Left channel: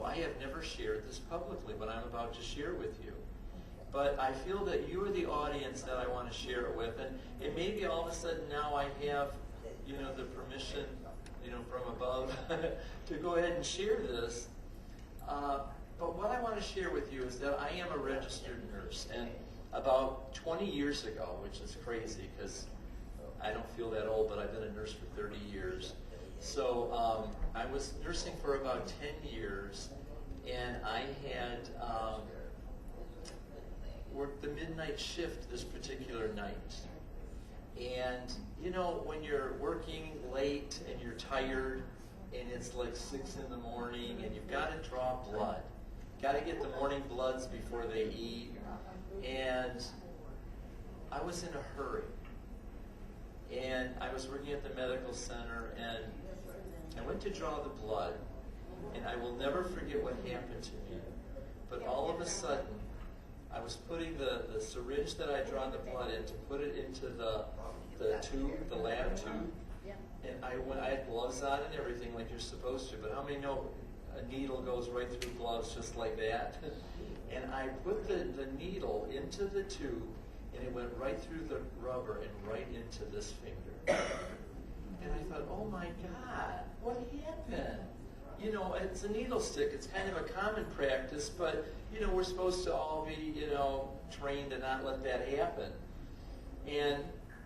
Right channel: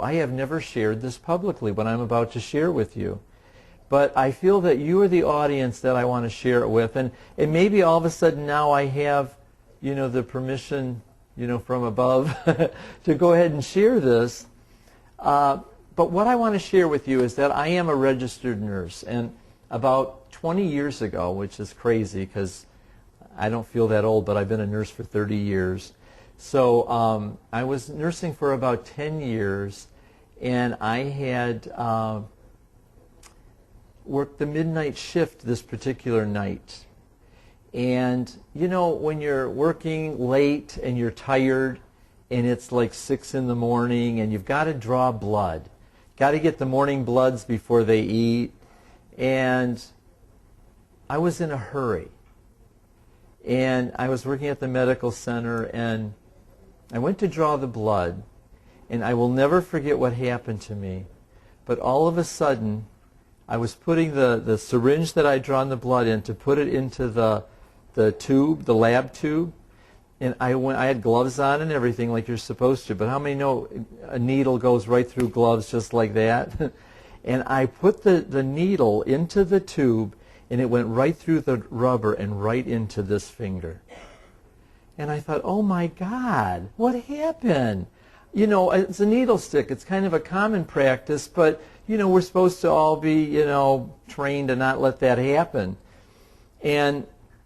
I have never shared this publicly, what I'm about to share with you. But I feel that you are the audience that I want to share it with. And maybe all of a sudden now I have, the permission, from above to go ahead and share this. But what I want to share with you is that I am a registered nurse. And about 20 years ago, which is crazy because I don't feel that old, but I've been a nurse for 30 years. So I was nursing for about 10 years, and I had worked the midnight shift this particular night. And when you're working late and you're tired and it's like 6 in the morning and you've got to draw blood, got to get the morning bloods before they eat, and I was in a hurry. And I was working at the medical center, and I went to draw the blood, and I will never forget what happened to me. But all of a sudden, I was putting the syringe that I'd drawn the blood in to put it into the tube, the lab tube, and I had gloves on and everything like you're supposed to, but how many know a needle goes right through gloves just like that? And I put the needle into the tube, and it went right through the rubber and right into this finger. And I thought, oh my God, what happened? It's a needle stick. It's kind of a common practice, but, we're supposed to all be, trained to not let that happen. And,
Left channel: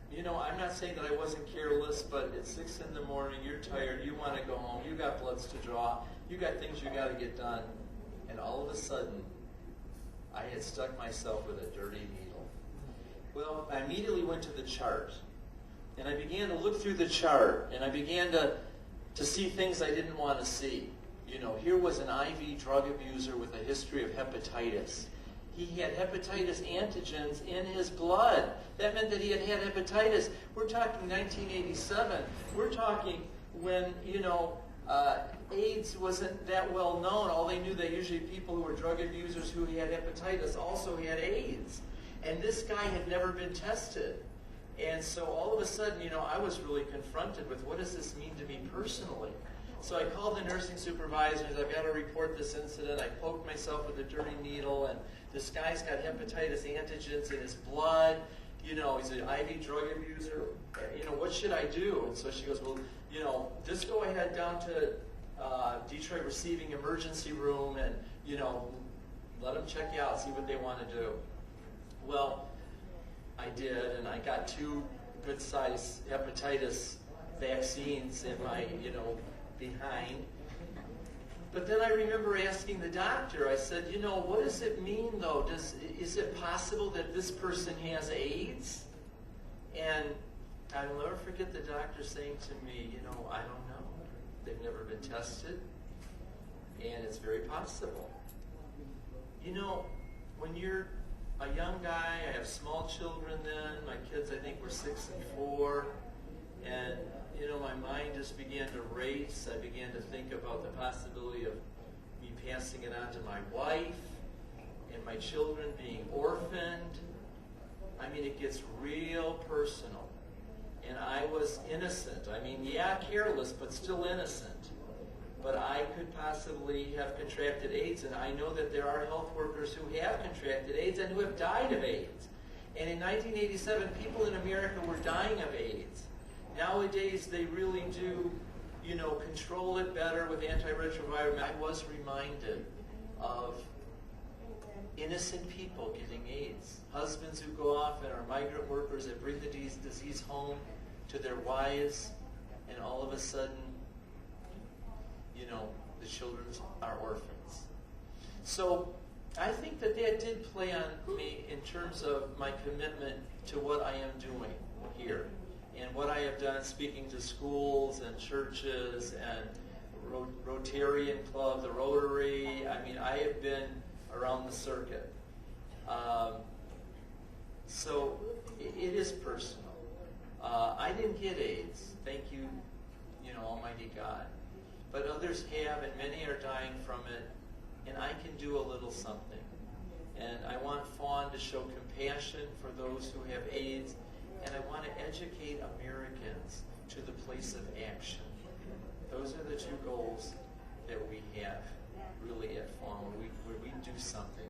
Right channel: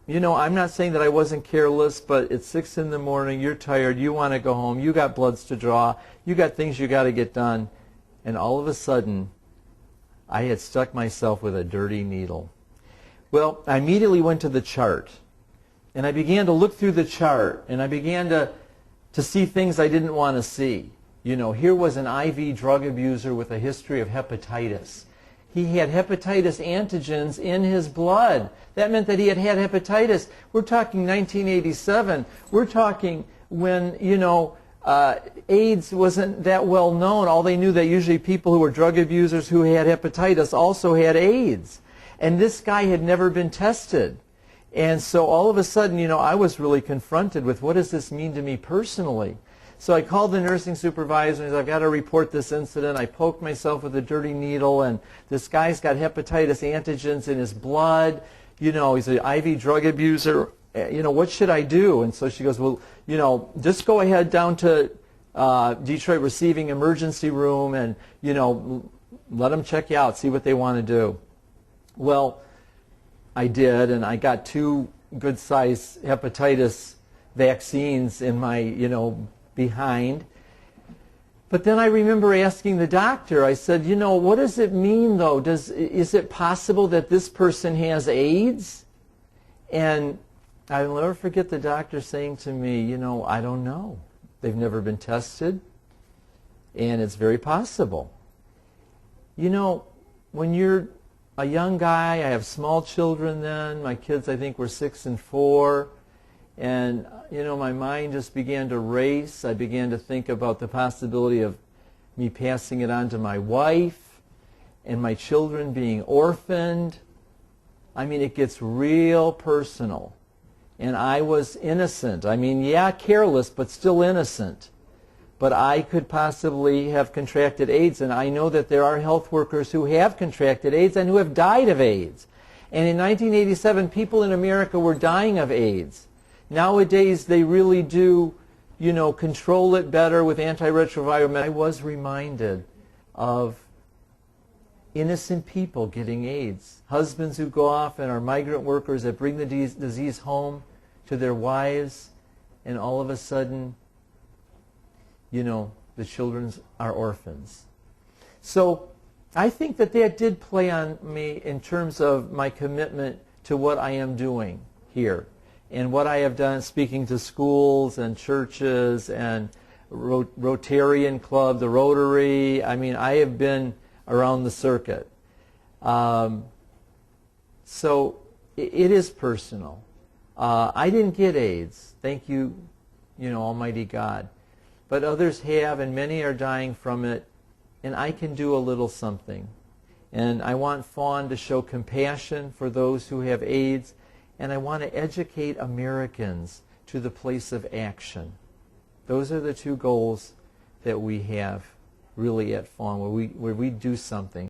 I'm not saying that I wasn't careless, but it's 6 in the morning, you're tired, you want to go home, you got bloods to draw, you got things you got to get done. And all of a sudden, I had stuck myself with a dirty needle. Well, I immediately went to the chart. And I began to look through the chart, and I began to see things I didn't want to see. Here was an IV drug abuser with a history of hepatitis. He had hepatitis antigens in his blood. That meant that he had had hepatitis. We're talking 1987. We're talking when, AIDS wasn't that well known. All they knew that usually people who were drug abusers who had hepatitis also had AIDS. And this guy had never been tested. And so all of a sudden, I was really confronted with what does this mean to me personally? So I called the nursing supervisor and I've got to report this incident. I poked myself with a dirty needle, and this guy's got hepatitis antigens in his blood. He's an IV drug abuser. What should I do? And so she goes, well, just go ahead down to Detroit Receiving Emergency Room and, let them check you out, see what they want to do. Well, I did, and I got 2 good-sized hepatitis vaccines in my, behind. But then I remember asking the doctor, I said, what does it mean, though? Is it possible that this person has AIDS? And I'll never forget the doctor saying to me, I don't know. They've never been tested, and it's very possible. When you're a young guy, I have small children then. My kids, I think, were 6 and 4. And, my mind just began to race. I began to think about the possibility of me passing it on to my wife and my children being orphaned. I mean, it gets real personal. And I was innocent. I mean, yeah, careless, but still innocent. But I could possibly have contracted AIDS, and I know that there are health workers who have contracted AIDS and who have died of AIDS. And in 1987, people in America were dying of AIDS. Nowadays, they really do, control it better with antiretroviral. I was reminded of innocent people getting AIDS. Husbands who go off and are migrant workers that bring the disease home to their wives, and all of a sudden, the children are orphans. So I think that did play on me in terms of my commitment to what I am doing here and what I have done speaking to schools and churches and Rotarian Club, the Rotary. I mean, I have been around the circuit. So it is personal. I didn't get AIDS. Thank you, Almighty God. But others have, and many are dying from it, and I can do a little something. And I want FAWN to show compassion for those who have AIDS, and I want to educate Americans to the place of action. Those are the 2 goals that we have really at FAWN, where we do something.